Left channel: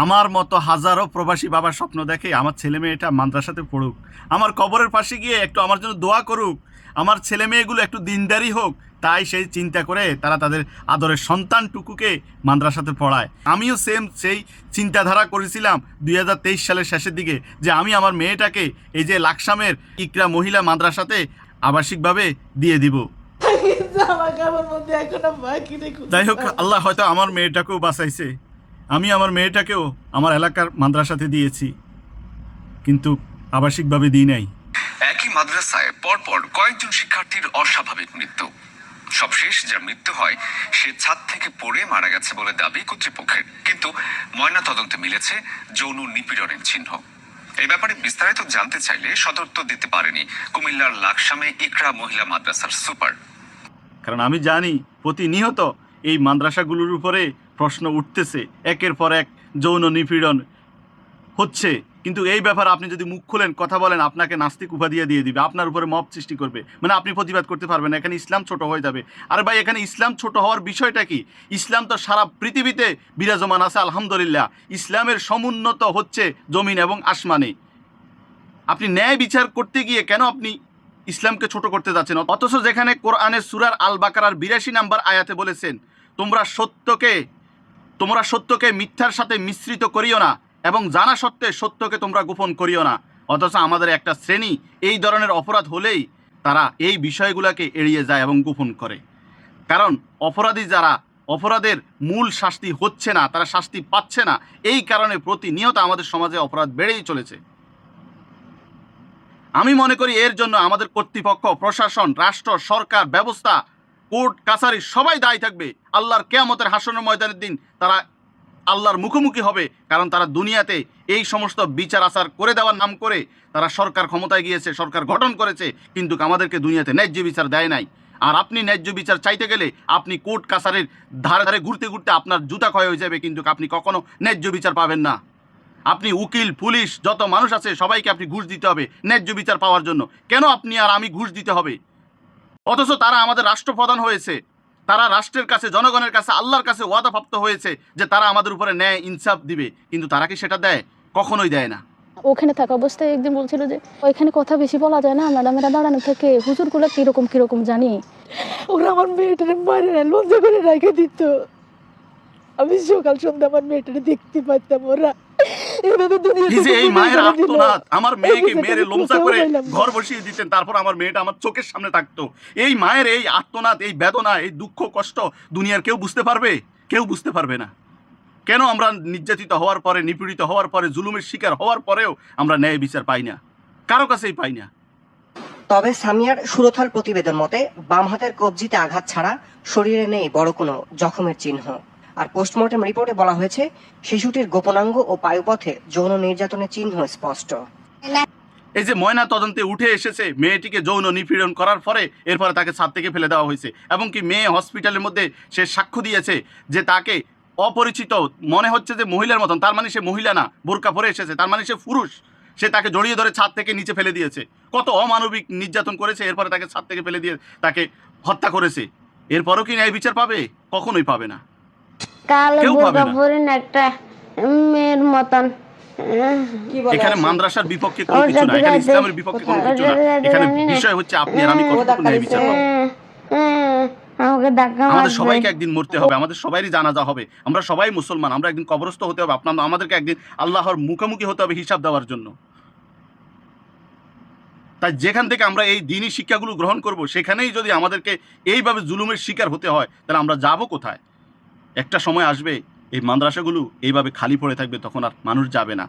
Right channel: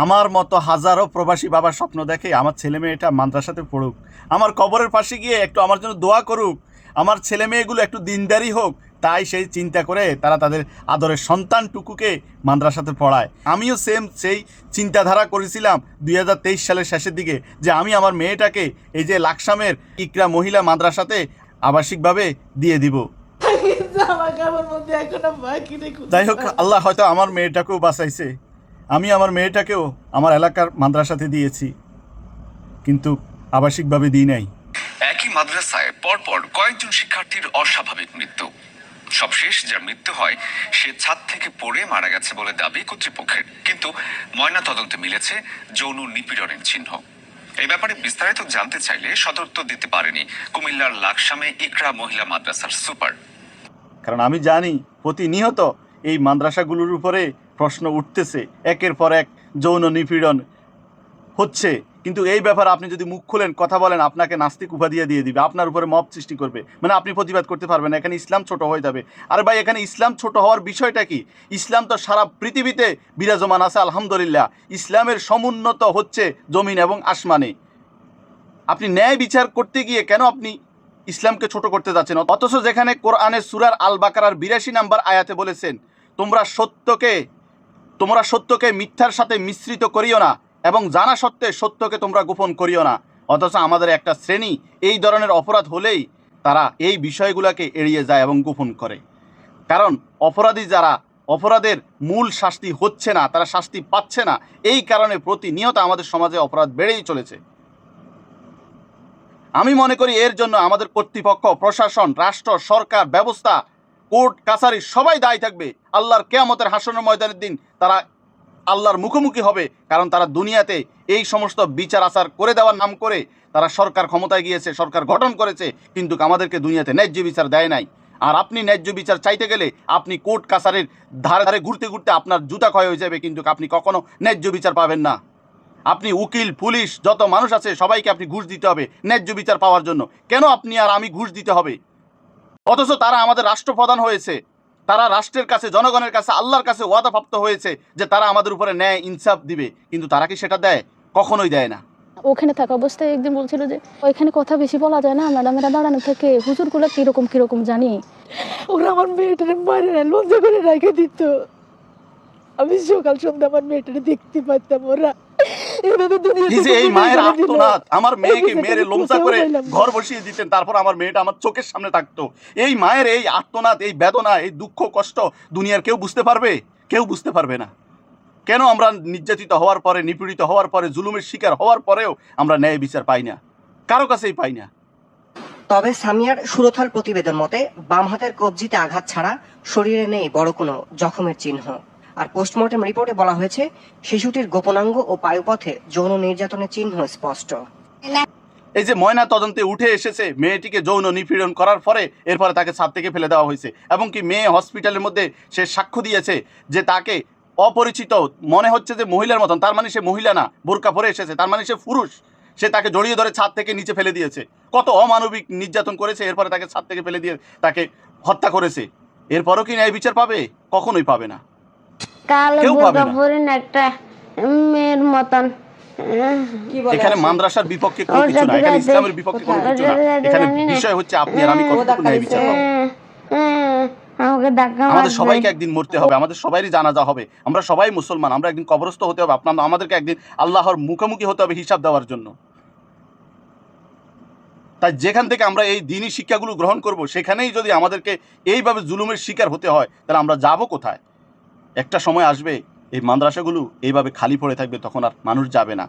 আমার মতো হাজারো প্রবাসী বাবার স্বপ্ন দেখে আমার ছেলে মেয়েটা মাদ্রাসাতে পড়ুক, আমার কবরের পাশে গিয়ে একটু আমার জন্য দোয়া করুক, আমার ছেলে মেয়েগুলো একটু দিনদারি হোক। তাই সেই চিন্তা করে তারা তাদের আদরের সন্তানটুকুকে মাদ্রাসাতে পড়ায়। আমিও সেই চিন্তাধারা করেছিলাম 2023 সালের শেষের দিকে, যে আমি আমার মেয়েটাকে এই যে লাকসামের ইকরা মহিলা মাদ্রাসাতে আবাসিকভাবে দিয়ে দিব। যাই হোক, আল্লাহ হয়তো আমার মেয়েটাকেও বাঁচাইছে। আমি আমার মেয়েটাকেও আমার এলাকার মাদ্রাসাতে দিয়েছি, কিন্তু আবাসিকভাবে দিই নাই। একই মাদ্রাসায় পরপর কয়েকজন শিক্ষার্থীর অস্বাভাবিক মৃত্যু। সবশেষ যার মৃত্যু হয় সে ছাদ থেকে পড়ে মারা গেছে বলে দাবি কর্তৃপক্ষের, কিন্তু ময়না তদন্তে মিলেছে যৌন নিপীড়নের চিহ্ন। এই ব্যাপারে বিস্তারিত জানতে চাইলে সদুত্তর দিতে পারেনি কুমিল্লার লাকসামে ইকরা মহিলা মাদ্রাসার সুপার। কারণ আমি জানি প্রতিনিয়ত এই মাদ্রাসাগুলোর উপরে প্রশ্ন উঠতেছে, একের পর এক যৌন নিপীড়ন হচ্ছে, কিন্তু এই ব্যাপারে আপনি যদি মুখ খুলেন কথা বলেন আপনাকে নাস্তিক উপাধিয়া দিয়ে দিবে, আপনার উপরে মব সৃষ্টি করবে, মানে আপনি প্রতিবাদ করতে পারবেন না, এখানে ইসলাম ছোট হয়ে যাবে। আরে ভাই, এখানে ইসলাম ছোট হওয়ার বিষয়টা কি? ইসলাম তো সারা পৃথিবীতে বিরাজমান আছে, আলহামদুলিল্লাহ। ইসলামের সমুন্নত হচ্ছে জমিন এবং আসমানে। আপনি ন্যায় বিচার করতে গিয়ে কেন আপনি ইসলামকে ছোট করতে যাচ্ছেন? অথচ যেখানে কোরআনের সূরার আল বাকারার 82 নম্বর আয়াতে বলেছেন, তোমরা সত্যকে মিথ্যার সাথে মিশ্রিত করিও না এবং জানা সত্ত্বে সত্যকে তোমরা গোপন করিও না। অথচ আমাদের একটা শ্রেণী এই ধরনের অপরাধ হলেই তারা এই বিষয়গুলোকে এড়িয়ে যায় এবং গোপন করে। কারণ অপরাধী যারা, অপরাধের মূল শাস্তি হচ্ছে না, তারা শাস্তি পাচ্ছে না, এই কারণে প্রতিনিয়ত আমাদের সমাজে অপরাধ বেড়েই চলেছে। আমি মনে করি এর জন্য আমাদের কর্তৃপক্ষ, প্রশাসন, রাষ্ট্র, সরকার, ব্যবস্থা, কোর্ট কাছারি সবাই দায়ী থাকবে। আল্লাহর কিয়ামতের হাসরের ময়দানের দিন তারা আল্লাহর মুখোমুখি হবে, কারণ তারা দুনিয়াতে এই সমস্ত বিচার আচার করে দেওয়ার নাম করে তারা সরকার ক্ষমতায় গিয়েছে, সরকার গঠন করেছে, কিন্তু আমাদেরকে দুনিয়াতে ন্যায্য বিচার দেয় নাই। আর আপনি ন্যায্য বিচার চাইতে গেলে আপনি কোর্ট কাছারির ধারে ধারে ঘুরতে ঘুরতে আপনার জুতা ক্ষয় হয়ে যাবে, কিন্তু আপনি কখনো ন্যায্য বিচার পাবেন না। আপনি উকিল, পুলিশ, যত মানুষ আছে সবাইকে আপনি ঘুষ দিতে হবে ন্যায্য বিচার পাওয়ার জন্য। কেন আপনি আর আমি ঘুষ দিতে হবে? অথচ তারা আমাদের রাষ্ট্রপ্রধান হয়েছে, তারা রাষ্ট্রের কাছে, জনগণের কাছে, আল্লাহর কাছে ওয়াদাপ্রাপ্ত হয়েছে যে তারা আমাদের উপরে ন্যায় ইনসাফ দিবে, কিন্তু তারা কি সেটা দেয়? কখনোই দেয় না। ওখানে থাকা অবস্থায় একদিন বলছিল যে ওইখানে কথা বেশি বলা যায় না, ম্যাডামেরা দাঁড়ানো থেকে হুজুরগুলো কিরকম কিরকম জানি। ওরা আমার মেয়েটারে মারে লজ্জা করে রেখে দিত। আমি সকাল সন্ধ্যা আমার মেয়েটারে দেখতে পারতাম। ওরা আমার মেয়েকে মেরে লোমসা করে ঘর বসিয়ে দিতেন, তারপর আমার মেয়েটা আমার চোখের সামনে থাকতো। এই মায়ের এই আর্তনাদ, এই বেদনা, এই দুঃখ কষ্ট দুনিয়ার কেউ বুঝতে পারবে? কেউ বুঝতে পারবে না। কেন আমরা নির্যাতিত হওয়ার পরে, নিপীড়িত হওয়ার পরে, জুলুমের শিকার হওয়ার পরেও আমরা ন্যায় বিচার পাই না? কারো কাছেই পাই না। তবে সামিয়ার সুরথল প্রতিবেদন মতে বাম হাতের কবজিতে আঘাত ছাড়া শরীরে নেই বড় কোনো জখমের চিহ্ন। আর পোস্টমর্টেম রিপোর্টে বলা হয়েছে শিশুটির গোপনাঙ্গ ও পায়ুপথে যৌন নির্যাতনের চিহ্ন স্পষ্ট। এই যে ময়না তদন্তে উঠে এসেছে মেয়েটিকে যৌন নিপীড়ন করার পরে এরপরে তাকে ছাদ থেকে ফেলে দেওয়া হয়েছে, এবং কি মেয়ে হসপিটালের মধ্যে সে সাক্ষ্য দিয়েছে যে তাকে অপরিচিত মনে হচ্ছে যে মহিলার মতন, তার মানে সে মহিলা না, বোরকা পরে এসেছে, তার মানে সে পুরুষ। সে তাকে জড়িয়ে ধরে ছাদ থেকে নিচে ফেলে দিয়েছে, কত অমানবিক নির্যাতন করেছে, এরপরে তাকে ছাদ থেকে ফেলে দিয়ে তাকে হত্যা করেছে। এরপরও কি ন্যায় বিচার পাবে? কখনোই পাবে না। একটা মেয়ের মতন এখানে মাদ্রাসার বিপক্ষে কোনো কিছু না, এখানে ইসলামের বিপক্ষে কোনো কিছু না। এখানে বিষয় হচ্ছে আপনি আর আমি কতটুকু ন্যায় বিচার পাবো। আমাদের সবাইকে একদিন মরতে হবে, আমাদের সবাইরই জানাজা হবে, আমরা সবাই মুসলমান, আমরা একদিন কবরস্থ হতে হবে, আমাদেরকে একদিন আল্লাহর মুখোমুখি হতে হবে হিসাব দেওয়ার জন্য। তাই যেখান থেকে আমরা এই দ্বীনি শিক্ষাগুলো গ্রহণ করব, সেখানেই যদি আমাদেরকে এইভাবে জুলুমের শিকার হতে হয়, তাহলে আমরা যাব কোথায়? একটা সময় আসবে এই মাদ্রাসাগুলো এইভাবে খালি পড়ে থাকবে, তখন আর মানুষ যাবে না।